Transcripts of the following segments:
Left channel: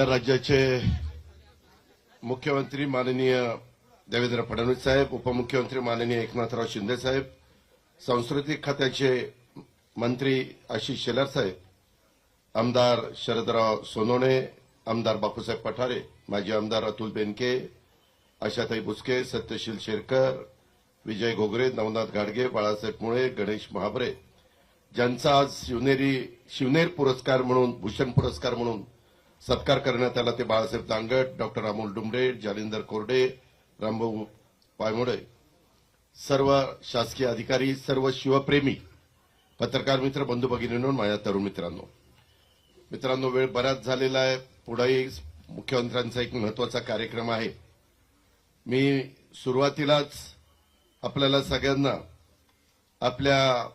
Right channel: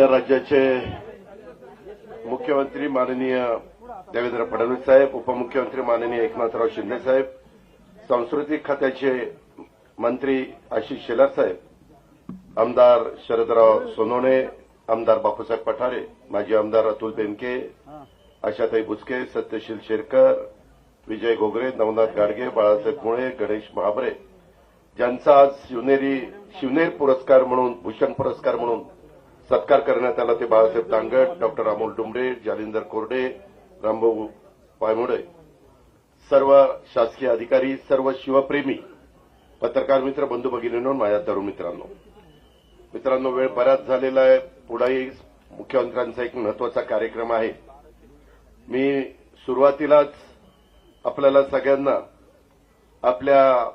आपल्या राज्याचे मुख्यमंत्री माननीय देवेंद्र फडणवीस साहेब, उपमुख्यमंत्री माननीय एकनाथराव शिंदे साहेब, सांस्कृतिक खात्याचे मंत्री आशिष शेलार साहेब, आमदार शरदराव सोनवणे, आमदार बापूसाहेब पठारे, माजी आमदार अतुल बेनके, आशाताई बुचके, सत्यशील शेरकर, विजय घोगरे, नवनाथ गाडगे, बाळासाहेब मुळे, गणेश महाबरे, ज्यांचा आज शिवनेर पुरस्कार म्हणून, भूषण पुरस्कार म्हणून सत्कार करण्यात आला ते बाळासाहेब दांगट, डॉक्टर अमोल डुंबरे, जालिंदर कोरडे, रामभाऊ पायमुळे, सर्व शासकीय अधिकारी, सर्व शिवप्रेमी पत्रकार मित्र, बंधू भगिनींनो, माझ्या तरुण मित्रांनो, वेळ बराच झालेला आहे. पुढेही मुख्यमंत्र्यांचा एक महत्वाचा कार्यक्रम आहे. मी सुरुवातीलाच आपल्याला सगळ्यांना आपल्या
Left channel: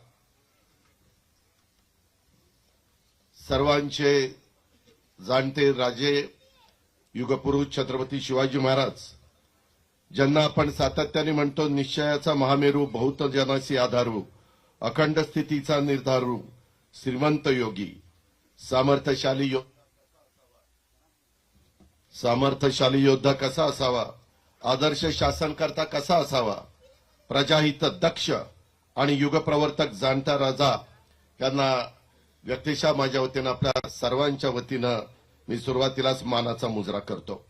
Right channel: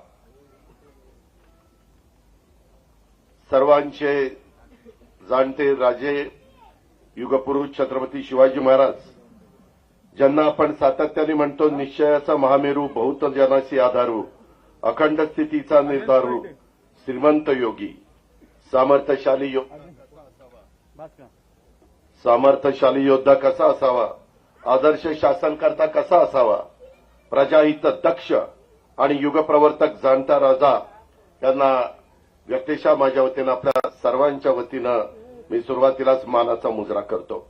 सर्वांचे जाणते राजे, युगपुरुष छत्रपती शिवाजी महाराज, ज्यांना आपण सातत्याने म्हणतो निश्चयाचा महामेरू, बहुत जनासी आधारू, अखंड स्थितीचा निर्धारू, श्रीमंत योगी, सामर्थ्यशाली योद्धा कसा असावा, आदर्श शासनकर्ता कसा असावा, प्रजाहित दक्ष आणि युगप्रवर्तक जाणता राजा यांना व्यक्तिशः माझ्या वतीनं आपल्या सर्वांच्या वतीनं मी सुरुवातीलाच मानाचा मुजरा करतो.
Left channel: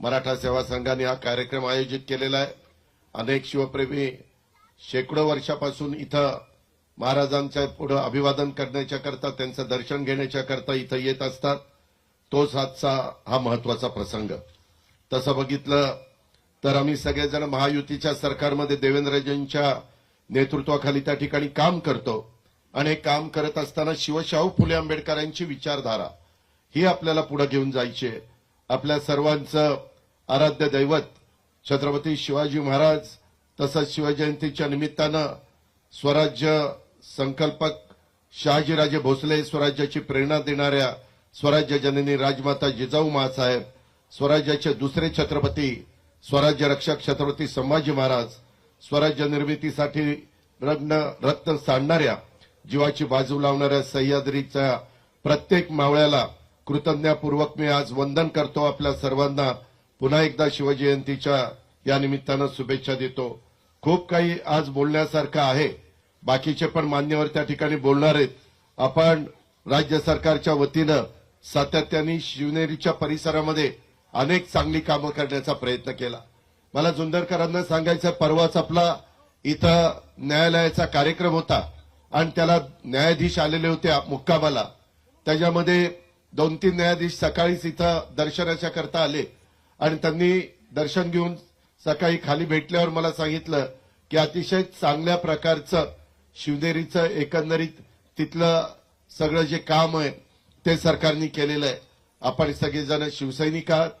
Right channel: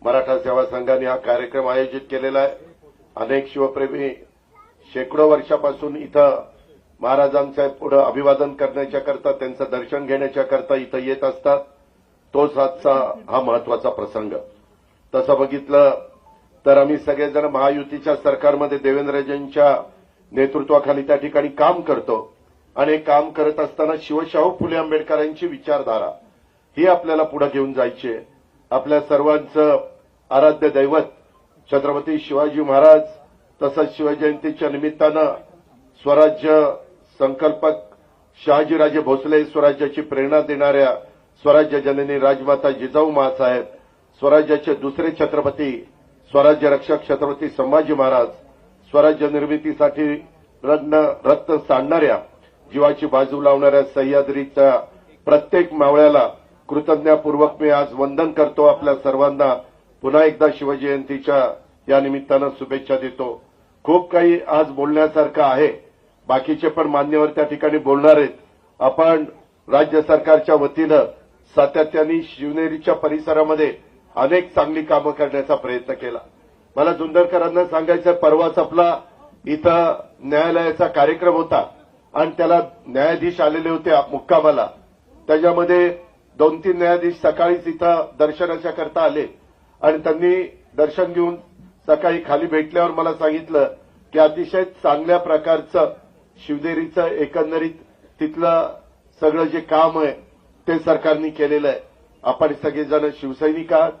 मराठा सेवा संघाने हा कार्यक्रम आयोजित केलेला आहे. अनेक शिवप्रेमी शेकडो वर्षापासून इथं महाराजांच्या पुढे अभिवादन करण्याच्या करता, त्यांचं दर्शन घेण्याच्या करता इथं येत असतात. तोच आजचा हा महत्वाचा प्रसंग. तसं बघितलं तर आम्ही सगळेजण महायुतीच्या सरकारमध्ये देवेंद्रजींच्या नेतृत्वाखाली त्या ठिकाणी काम करतो आणि काम करत असताना शिवशाहू फुले आंबेडकरांची विचारधारा ही आपल्याला पुढे घेऊन जायची आहे. आपल्या सर्वांचं आराध्य दैवत छत्रपती शिवाजी महाराज, तसंच शिवजयंतीच्या निमित्तानं स्वराज्य संकल्पक शहाजीराजे भोसले, स्वराज्याची प्रेरणा देणाऱ्या स्वराज्य जननी राजमाता जिजाऊ माँसाहेब, स्वराज्याचे दुसरे छत्रपती, स्वराज्य रक्षक छत्रपती संभाजी महाराज, स्वराज्य निर्मितीसाठी रत्न सांडणाऱ्या, जीवाची बाजू लावणाऱ्या सह्याद्रीच्या प्रत्येक मावळ्याला कृतज्ञतापूर्वक मी आज वंदन करतो. आपल्या सर्वांना पुन्हा एकदा शिवजयंतीच्या या निमित्तानं शुभेच्छा देतो. खूप काही आज बोलण्यासारखं आहे. बाकीचे पण मान्यवर त्या ठिकाणी बोलणार आहेत. आपण राज्य सरकारच्या वतीनं सातत्याने शिवनेरीच्या परिसरामध्ये अनेक चांगली कामं करण्याचा प्रयत्न केला. मला जुंदरकरांना सांगायचं, परवाच आपला इथं न्यायालयाचा कार्यक्रम होता आणि त्याला न्यायाधीश आलेले होते मुक्कामाला. त्याच्यामध्ये 2-3 न्यायाधीश सकाळीच इथं दर्शनाच्या करता आले आणि त्यांनी दर्शन घेऊन सकाळी खाली भेटल्यावर मला सांगितलं की अतिशय चांगल्या प्रकारचं शिवनेरीचं एकंदरीत तिथलं सगळं जे काम आहे ते सरकारने केलेलं आहे. आपण सगळेजण शिवसैनिक आहात,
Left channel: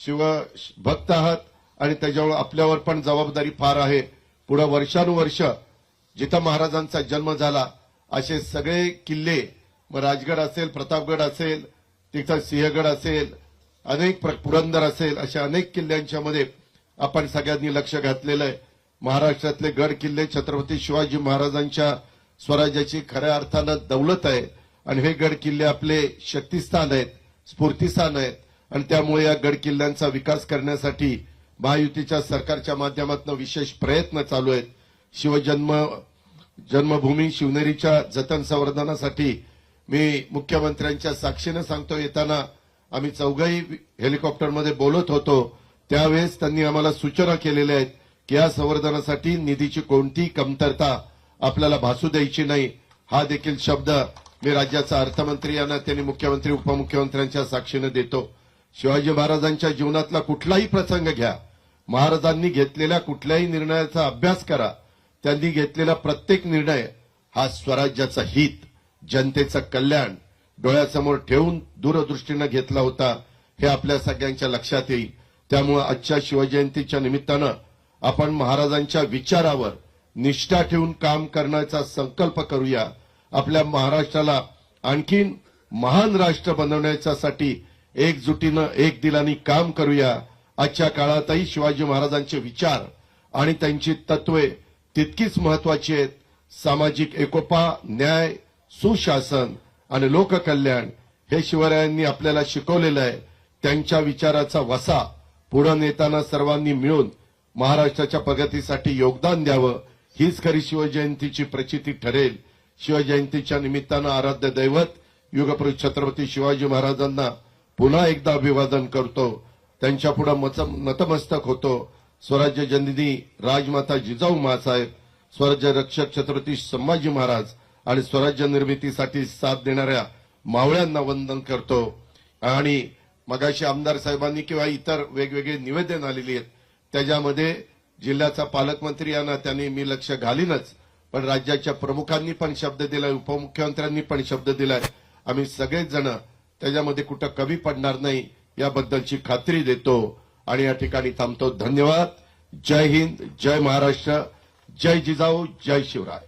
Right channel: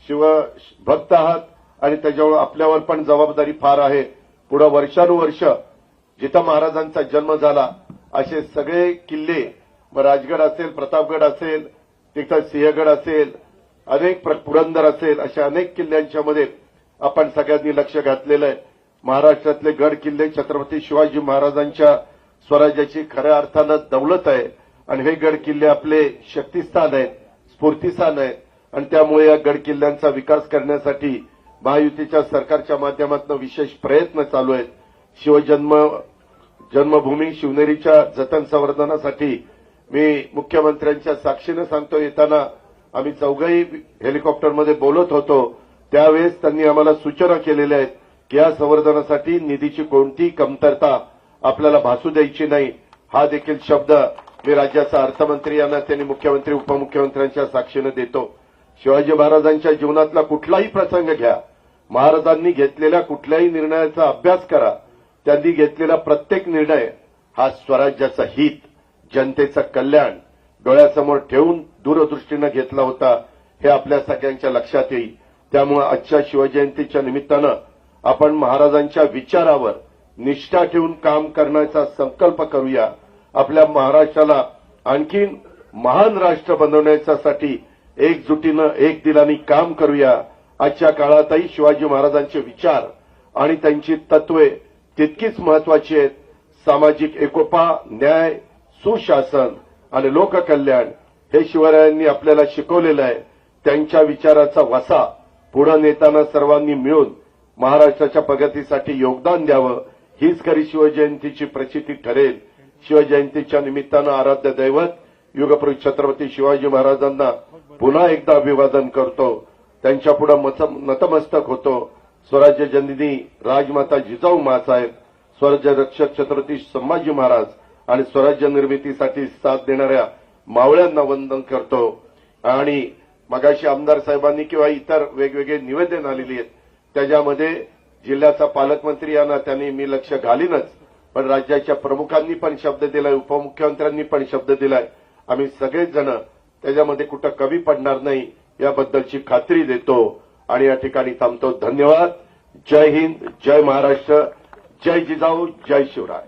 शिवभक्त आहात आणि त्याच्यामुळे आपल्यावर पण जबाबदारी फार आहे. पुढे वर्षानुवर्ष जिथं महाराजांचा जन्म झाला असे सगळे किल्ले, राजगड असेल, प्रतापगड असेल, तिथं सिंहगड असेल, अनेक पुरंदर असेल, अशा अनेक किल्ल्यांच्या मध्ये आपण सगळ्यांनी लक्ष घातलेलं आहे. महाराष्ट्रातले गड किल्ले छत्रपती शिवाजी महाराजांच्या स्वराज्याची खऱ्या अर्थानं दौलत आहे आणि हे गड किल्ले आपले शक्तिस्थान आहेत, स्फूर्तिस्थान आहेत आणि त्यामुळे या गड किल्ल्यांचा विकास करण्यासाठी महायुतीच्या सरकारच्या माध्यमातून विशेष प्रयत्न चालू आहेत. जन्मभूमी शिवनेरीच्या जतन संवर्धनासाठी मी मुख्यमंत्र्यांच्या साक्षीने सांगतो, येताना आम्ही चौघही हेलिकॉप्टरमध्ये बोलत होतो त्यावेळेस त्यांनी आम्हाला सूचना केलेल्या आहेत की या संवर्धनासाठी निधीची कोणतीही कमतरता आपल्याला भासू द्यायची नाही. हा देखील शब्द मी राज्याचा अर्थमंत्री यांना, त्यांनी मुख्यमंत्री उपमुख्यमंत्र्यांच्या साक्षीने देतो. शिवाजी महाराजांच्या जीवनातला कुठलाही प्रसंग घ्या, महाराजांनी घेतलेल्या कुठल्याही निर्णयाचा अभ्यास करा. त्यांनी घेतलेला प्रत्येक निर्णय हा स्वराज्याचं हित, जनतेचं कल्याण डोळ्यासमोर ठेवून दूरदृष्टीने घेतला होता. हे आपल्या सगळ्यांच्या लक्षात येईल. त्यामुळे आजच्या शिवजयंतीच्या निमित्तानं आपण महाराजांच्या विचारावर निष्ठा ठेवून काम करण्याचा संकल्प करूया. आपल्या महाराष्ट्राला आणखीन महान राष्ट्र बनवण्यासाठी एकजुटीनं एक दिलाने काम करूया. आजच्या काळातही शिवाजी महाराजांचे विचार आणि त्यांची तत्वे तितकीच महत्वाची आहेत. सामाजिक एकोपा, न्याय, सुशासन आणि लोककल्याण हे शिवरायांनी आपल्याला शिकवलेलं आहे. त्यांच्या विचाराचा वसा पुढे नेताना सर्वांनी मिळून महाराष्ट्राच्या प्रगतीसाठी योगदान द्यावं, हीच खरी शिवजयंतीची प्रचिती ठरेल. शिवजयंतीच्या निमित्तानं आराध्य दैवत युगपुरुष छत्रपती शिवाजी महाराजांना पुन्हा एकदा अभिवादन करतो, त्यांच्या पुढे नतमस्तक होतो. स्वराज्य जननी राजमाता जिजाऊ माँसाहेब, स्वराज्य रक्षक छत्रपती संभाजी महाराज आणि स्वराज्य निर्मितीसाठी साथ देणाऱ्या मावळ्यांना वंदन करतो. आणि मगाशी आमदार साहेबांनी किंवा इतर वेगवेगळे निवेदन आलेली आहेत, त्याच्यामध्ये जिल्ह्याचा पालकमंत्री यांना त्यांनी मी लक्ष घालीनच, पण राज्याच्या प्रमुखांनी पण शब्द दिलाय, उपमुख्यमंत्र्यांनी पण शब्द दिलाय. आम्ही सगळेच जण त्याच्यामध्ये कुठं कमी पडणार नाही याबद्दलची खात्री देतो आणि या ठिकाणी थांबतो. धन्यवाद. जय हिंद, जय महाराष्ट्र, जय जिजाऊ, जय शिवराय.